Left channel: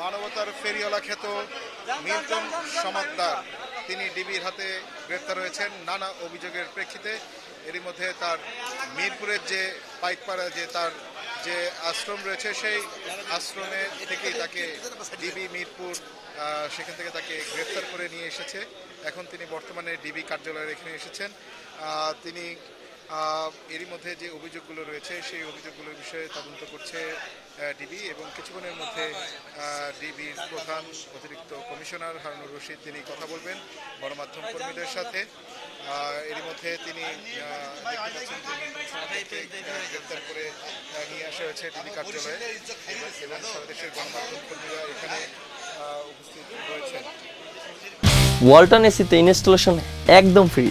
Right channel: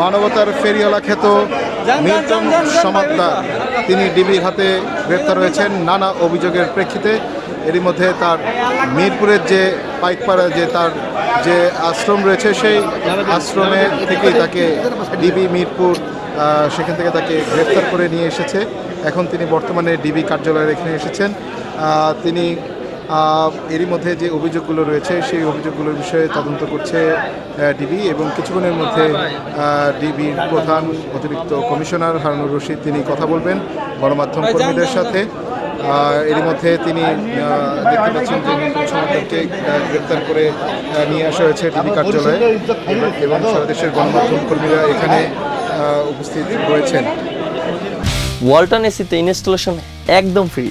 মানবতার ফেরিওয়ালা খ্যাত মিল্টন সমাদ্দার তিনি ডিবির হাতে গ্রেপ্তার হয়েছেন নানা অভিযোগের প্রেক্ষিতে। এরই মধ্যে তার মিরপুরের যে পাইকপাড়া যে তার যে আশ্রম রয়েছে সেই আশ্রমে থেকেই তাকে ডিবি মিরপুর সেখান থেকে তাকে গ্রেপ্তার করে নিয়ে এসেছে। এখন তিনি বর্তমানে ডিবি কার্যালয়ে এখানে এসেছেন। তিনি এরই মধ্যে যে অভিযোগগুলো রয়েছে সেই অভিযোগগুলোর বিষয়ে তদন্ত করছে ডিবি এবং কিছুক্ষণের মধ্যে ডিবির প্রধান অতিরিক্ত কমিশনার হারুনুর রশিদ তিনি কথা বলবেন গণমাধ্যম কর্মীদের সাথে। এরই মধ্যে তিনি দেখতে পাচ্ছেন যে মিল্টন সমাদ্দারকে গ্রেপ্তার করে নিয়ে আসা হয়েছে ডিবি কার্যালয়ে এবং সারা দেশের গণমাধ্যম কর্মীরা এখানে উপস্থিত রয়েছেন। ওয়ালটন এসিতে ইনস্টলেশন একদম ফ্রি।